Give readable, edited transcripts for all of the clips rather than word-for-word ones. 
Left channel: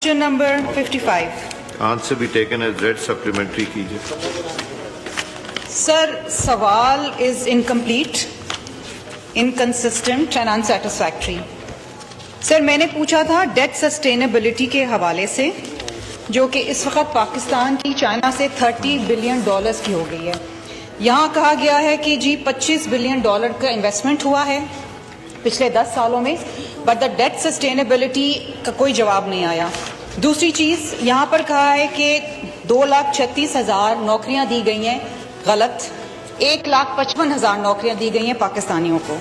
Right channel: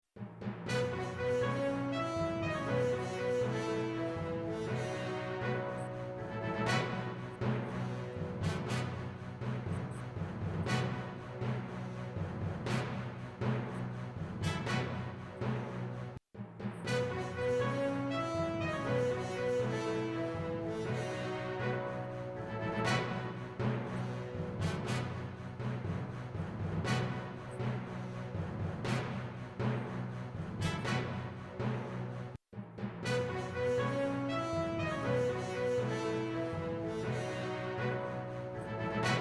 Question number 55. Answer be taken as read. Supplementary कीजिए. Sir, सवाल is incomplete, inconsistent and unsatisfactory. Sir, मैंने पूछा था डेट सस्टेनेबिलिटी के हवाले से, जो कि इस वक्त पाकिस्तान की चाइना से $30 बिलियन की हो गई है. यहाँ कहा गया है कि जी $25 बिलियन का इन्वेस्टमेंट हुआ है पिछले 10 सालों में, बट द डेट सस्टेनेबिलिटी का कोई जवाब नहीं आया. दूसरी चीज़ यहाँ पर कहा है कि 2,36,000 नौकरियाँ दी गई हैं, गलत. 1,55,000 नौकरियाँ दी गई हैं पाकिस्तानियों को,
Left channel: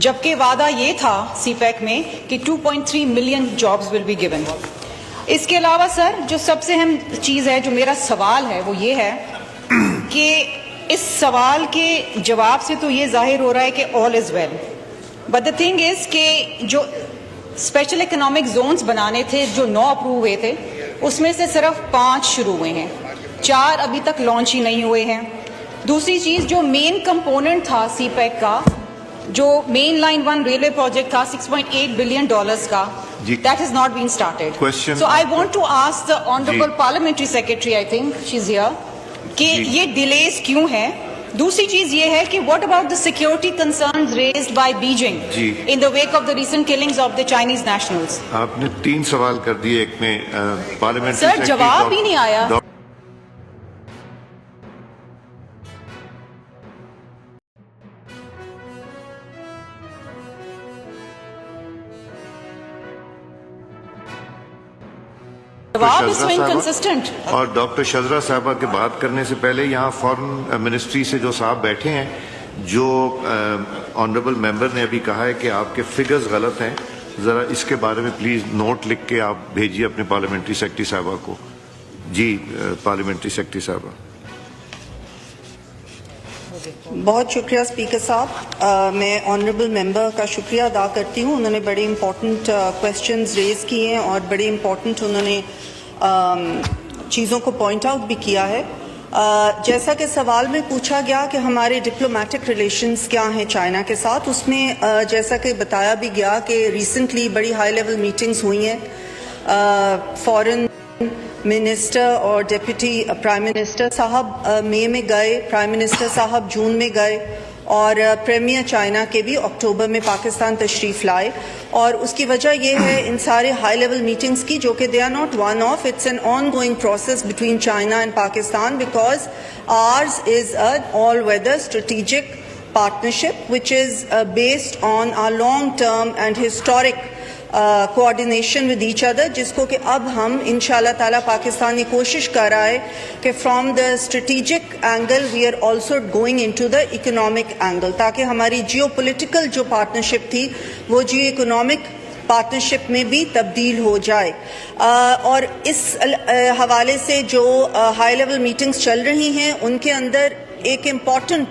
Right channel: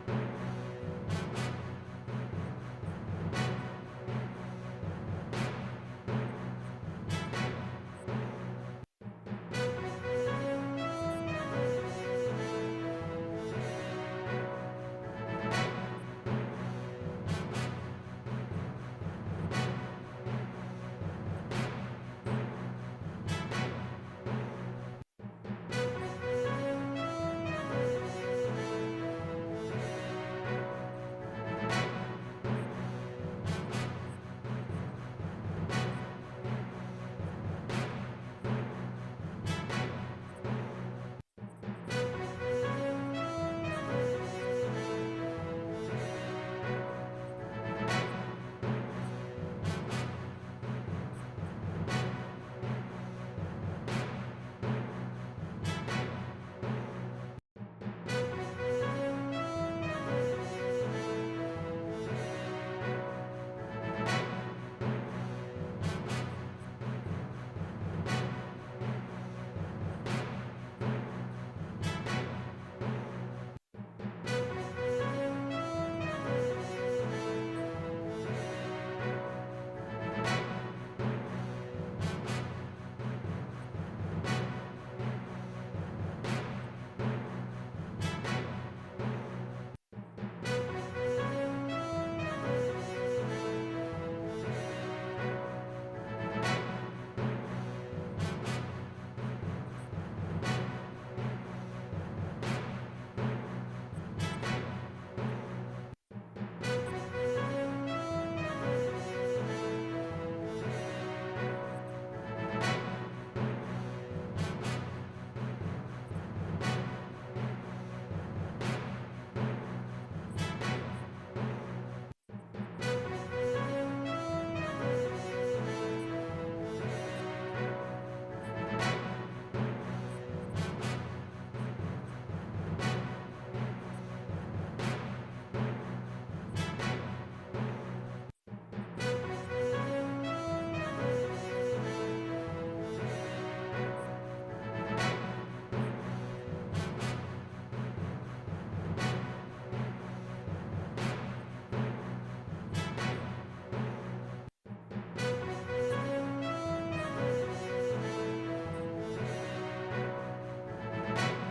जबकि वादा ये था सीपैक में कि 2.3 million jobs will be given. इसके अलावा सर, जो सबसे अहम चीज़ है, जो मेरा सवाल है, वो ये है कि इस सवाल के जवाब से तो ये जाहिर हो रहा है कि all is well, but the thing is कि जो स्पेशल इकोनॉमिक जोन्स बनाने थे, जो 9 अप्रूव हुए थे, उसमें से सिर्फ 5 शुरू हुए हैं, 4 अभी तक लॉन्च ही नहीं हुए हैं. दूसरी चीज़, जो मेन कंपोनेंट था सीपैक का, जो मेन लाइन 1 रेलवे प्रोजेक्ट था $6.8 बिलियन का, that has not been started. Question. So I want to ask the honorable parliamentary secretary, I think she's here, कि ये डिलेज क्यों है. दूसरी चीज ये है कि what about the security concerns raised by Beijing in the wake of the recent killings of the Chinese nationals? आपने 3 सवाल कर दिए एक में. पार्लियामेंट्री सर, जवाब ही नहीं आया. जवाब is so inconsistent. और डॉक्टर शजरा साहबा के बात करने से पहले यहाँ फॉरेन मिनिस्ट्री से जो साहब बैठे हैं, जो ऑनरेबल मेंबर ने अभी कहा है कि आपके फिगर्स गलत हैं, ज़रा इसके बारे में प्लीज़ नोट लिख के आप भेजिए अपने पार्लियामेंट्री सेक्रेटरी साहबा को. जी पार्लियामेंट्री सेक्रेटरी साहबा. बहुत शुक्रिया स्पीकर साहब. मैं ऑनरेबल मेंबर का शुक्रिया अदा करती हूँ. उन्होंने बड़े इम्पोर्टेंट क्वेश्चंस रेज किए हैं और बड़े इम्पोर्टेंट उन्होंने चीज़ों को पॉइंट आउट भी किया है. जैसा कि सवाल में पूछा गया कि हमारे डिप्लोमेटिक रिलेशंस क्या हैं चाइना के साथ, उसमें जैसा कि बताया भी गया कि रिसेंटली बड़ी हाई लेवल मीटिंग्स हुई हैं. फॉरेन मिनिस्टर और डिप्टी प्राइम मिनिस्टर साहब मई में गए, प्राइम मिनिस्टर साहब जून में गए, और प्रीमियर चाइना के भी अक्टूबर में पाकिस्तान तशरीफ़ लाए. और उसकी वजह यह है इन सारे हाई लेवल मीटिंग्स की, जो कि they are not one off, it's an ongoing process between China and Pakistan, because ours is a all weather strategic partnership which is based on our long term and historic coordination with each other, जिसको कि अब हम इंशाल्लाह ताला पाकिस्तान ये कोशिश कर रहा है कि from the strategic angle we are also going into the economic angle, ताकि हमारी geopolitical जो partnership थी वो geo-economic पार्टनरशिप में भी तब्दील हो जाए. और इस हवाले से जो हाई लेवल मीटिंग्स चल रही हैं, उनके अंदर एक इम्पॉर्टेंट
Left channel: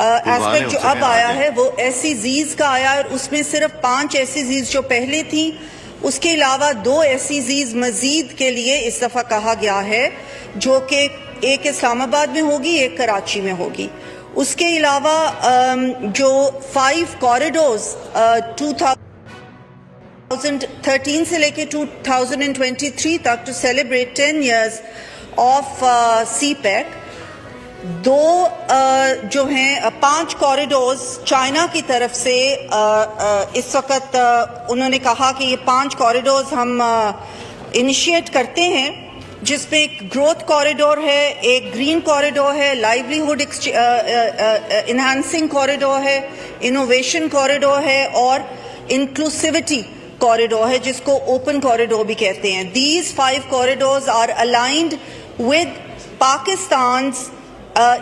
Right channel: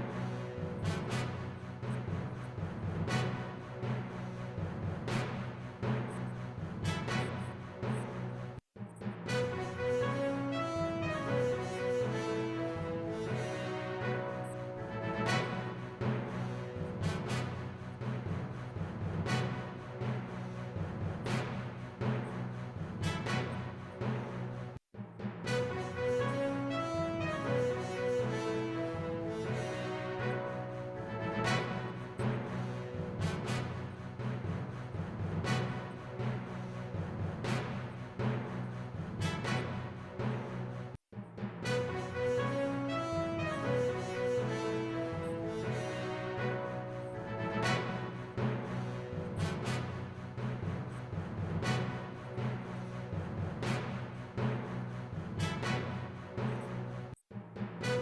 एस्पेक्ट जो अब आया है वो SEZs का आया, और उसमें सिर्फ 5 SEZs जो पहले थी, उसके अलावा 2 SEZs मजीद के लिए इस दफ़ा कहा गया है, जो कि एक इस्लामाबाद में होगी, एक कराची में होगी. उसके अलावा जो 5 कॉरिडोर्स 2013 से लेके 2023 तक to celebrate 10 years of CPEC, 2 जो हैं 5 कॉरिडोर्स चाइना की तरफ से इस वक्त उन्होंने कहा कि ये 5 कॉरिडोर्स हम इनिशिएट करते हैं, जिसमें एक ग्रोथ कॉरिडोर है, एक ग्रीन कॉरिडोर है, लाइवलीहुड इन्हांसिंग कॉरिडोर है, इनोवेशन कॉरिडोर है, और इंक्लूसिविटी कॉरिडोर है, जिसको ओपन कॉरिडोर भी कहते हैं. These 5 corridors are aligned with Pakistan's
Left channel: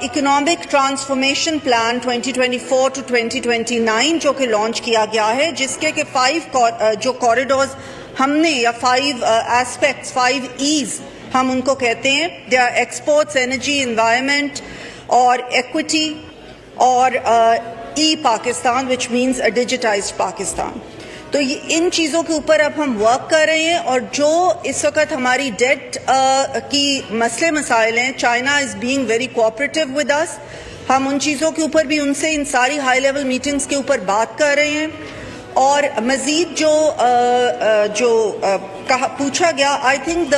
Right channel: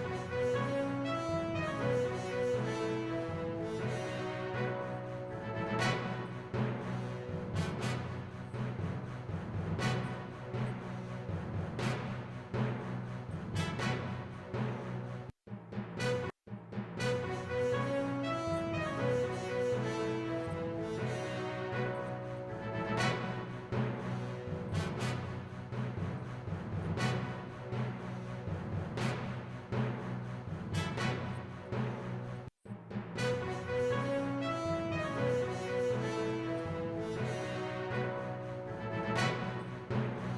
economic transformation plan 2024 to 2029 जो कि लॉन्च किया गया है, जिसके के 5 जो कॉरिडोर्स हमने, या 5 एस्पेक्ट्स, 5 E's हम उनको कहते हैं, they are exports, energy, environment और इक्विटी, और e Pakistan which means a digitised Pakistan. तो ये इन चीज़ों के ऊपर अब हम वर्क कर रहे हैं. और जो इस वक्त हमारी डेट की मसले मसाइल हैं, China is being very cooperative with us. हम उन चीज़ों के ऊपर भी उनसे इन सारी हाई लेवल मीटिंग्स के ऊपर बात कर रहे हैं. और मज़ीद जो पूछा गया, I think the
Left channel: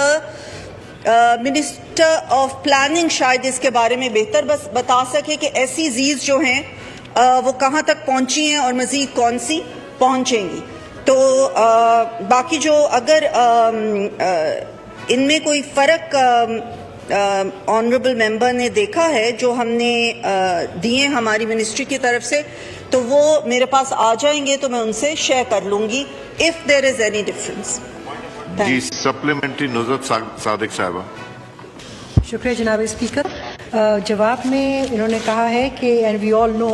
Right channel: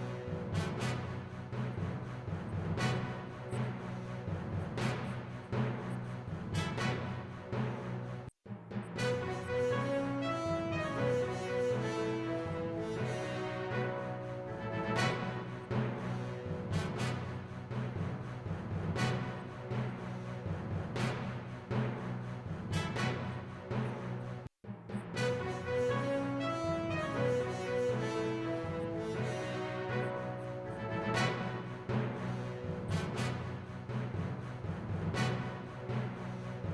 minister of planning शायद इसके बारे में बेहतर बस बता सके कि SEZs जो हैं वो कहाँ तक पहुँची हैं और मज़ीद कौन सी पहुँचेंगी। तो बाकी जो अगर इनमें कोई फ़र्क ऑनरेबल मेंबर ने देखा है जो हमने दिए हमारी मिनिस्ट्री की तरफ से, तो वो मेरे पास आ जाएंगे तो मैं उनसे शेयर कर लूँगी if there is any difference. जी, सप्लीमेंट्री नुज़रत सादिक साहबा। शुक्रिया जनाब स्पीकर। जवाब में इन्होंने कहा है कि एंड वी ऑल नो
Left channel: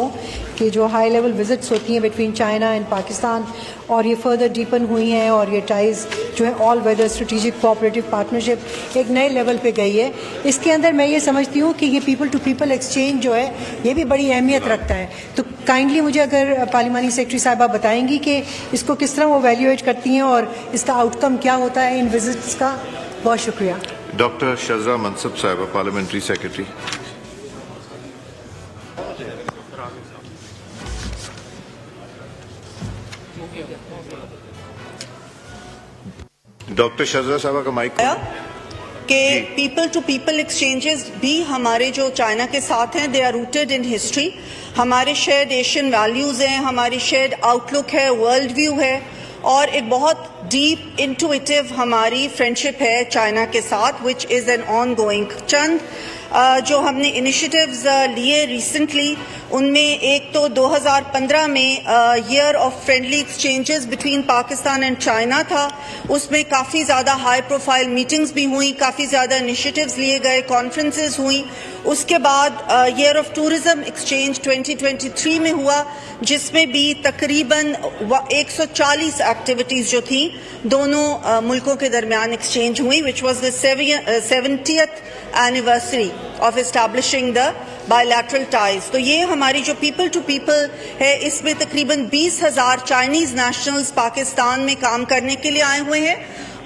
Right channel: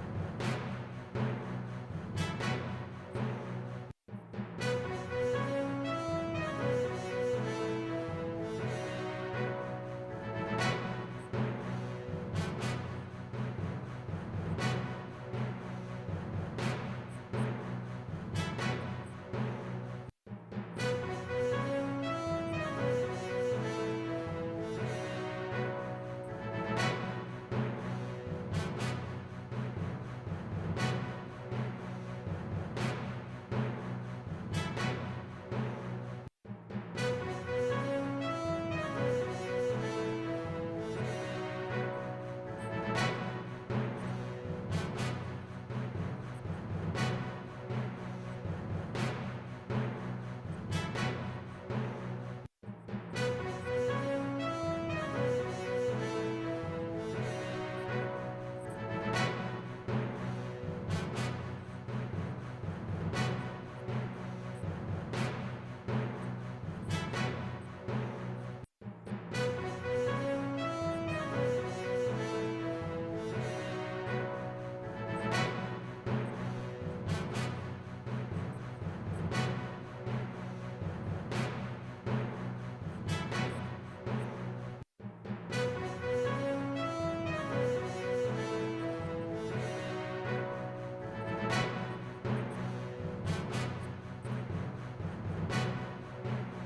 कि जो हाई लेवल विजिट्स होती हैं बिटवीन चाइना एंड पाकिस्तान और ये फर्दर डीपन हुई हैं और ये टाइज़ जो है all weather strategic cooperative partnership एक नए लेवल पे गई है। इसके अंदर मैं ये समझती हूँ कि ये पीपल टू पीपल एक्सचेंज जो है ये भी बड़ी अहमियत रखता है। तो काइंडली मुझे अगर पार्लिमानी सेक्रेटरी साहबा बताएंगी कि इसको किस तरह वो वैल्यूएट करती हैं और इसका आउटकम क्या होता है इन विजिट्स का। बहुत शुक्रिया। डॉक्टर शजरा मनसब साहबा, पार्लियामेंट्री सेक्रेटरी। डॉक्टर शजरा साहबा का माइक। कि पीपल टू पीपल एक्सचेंजेस भी हमारे जो चाइना के साथ हैं, they are rooted in history. हमारे शेयर्ड एशियन वैल्यूज़ हैं, हमारी शेयर्ड आउटलुक है, वर्ल्ड व्यू है और एक बहुत डीप इंटुइटिव हमारी फ्रेंडशिप है चाइना के साथ, which is an ongoing. चंद जो हमने इनिशिएटिव्स लिए रिसेंटली, उनमें एक तो 2015 में year of friendly exchanges between Pakistan and China था। उसमें काफ़ी ज़्यादा हाई प्रोफाइल मीटिंग्स भी हुई, काफ़ी ज़्यादा इनिशिएटिव्स लिए गए, कॉन्फ्रेंसेस हुई। उसके बाद ईयर ऑफ टूरिज़्म एक्सचेंज 2023 में हुआ, जिसमें भी तकरीबन 140 एक्टिविटीज़ जो थी दोनों मुल्कों के दरमियान एक्सचेंज हुई, which was the 70th anniversary of establishing the bilateral ties. तो ये हमारी जो पीपल टू पीपल है, इसमें तकरीबन 20,000 चाइनीज़ नेशनल्स पाकिस्तान में काम करने के लिए आए हुए हैं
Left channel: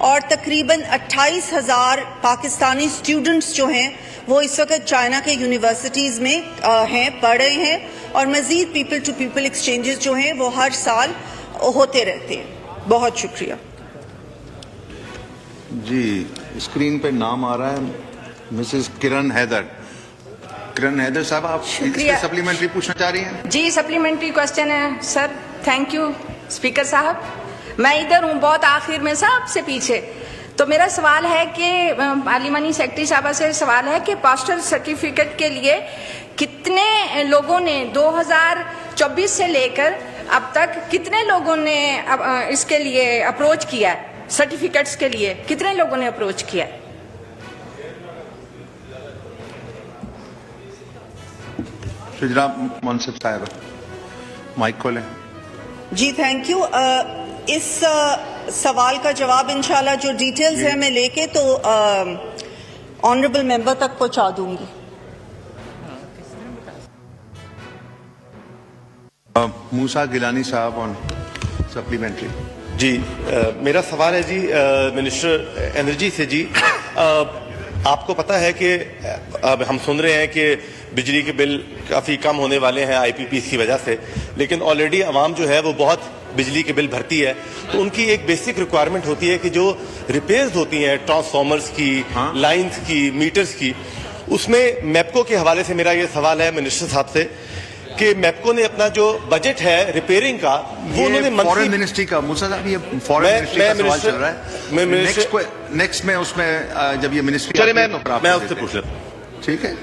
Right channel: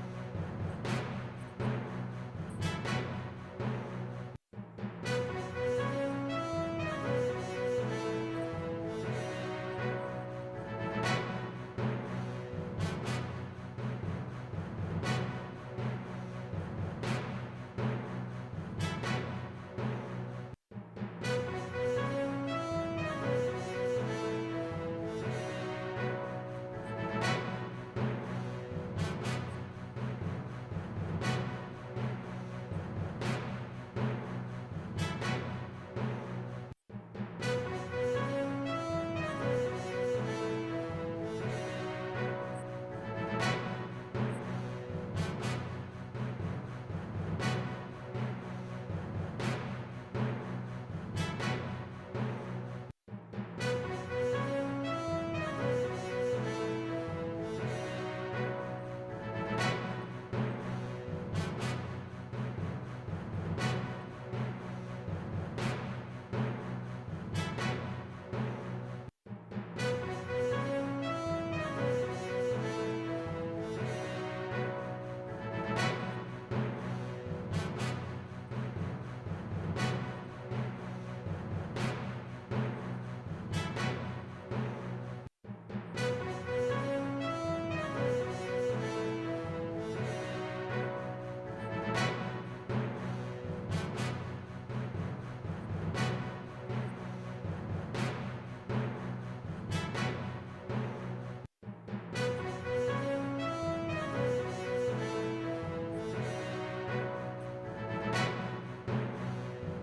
और तकरीबन 28,000 पाकिस्तानी स्टूडेंट्स जो हैं वो इस वक्त चाइना के यूनिवर्सिटीज़ में हैं, पढ़ रहे हैं और मज़ीद पीपल टू पीपल एक्सचेंजेस जो हैं वो हर साल होते रहते हैं। बहुत शुक्रिया। जी, स्क्रीन पे नाम आ रहा है मिसेस किरण हैदर। किरण हैदर साहब, आप सप्लीमेंट्री पूछना चाह रही हैं? जी, सप्लीमेंट्री क्वेश्चन है सर। थैंक यू स्पीकर साहब। मैं इधर हूँ बहुत आखिर में, सबसे पीछे। तो मेरा सवाल है कि पार्लिमानी सेक्रेटरी साहबा से सवाल है कि पोस्टल सर्टिफिकेट के लिए कितने लोगों ने 2024 से लेकर अब तक कितने लोगों ने इसके लिए अप्रोच किया है? सर्टिफिकेट्स के लिए कितने लोगों ने अप्रोच किया है? जनाब मनसब साहब, माइक खोलें। जी, थैंक यू। इस सवाल का जवाब इंशाल्लाह जो डिटेल्स है मैं लेके तो ऑनरेबल मेंबर तक पहुंचा दूंगी। मूसा गिलानी साहब ऑन सप्लीमेंट्री। जी, मेरा सवाल है जी मिनिस्टर एनर्जी से। जी, आपको पता है कि अब हम सुन रहे हैं कि बिजली के बिल काफ़ी कम होने वाले हैं IPPs की वजह से, लेकिन ऑलरेडी आवाम जो है वो बहुत बिजली के बिल भरती है। तो उनकी एक बेसिक रिक्वायरमेंट होती है कि जो रिपेयर्स होती हैं ट्रांसफार्मर्स की, लाइंस की, मीटर्स की, उसमें मैपको के हवाले से मेरा ये सवाल है मिनिस्टर साहब से कि मैपको ने अपना जो बजट है रिपेयरिंग का वो उन्होंने फॉरेन मिनिस्ट्री का, मूसा साहब ये फॉरेन मिनिस्ट्री का सवाल चल रहा है। नेक्स्ट में उसमें जब ये मिनिस्ट्री चले मैं उससे पूछ लेता हूँ। ठीक है।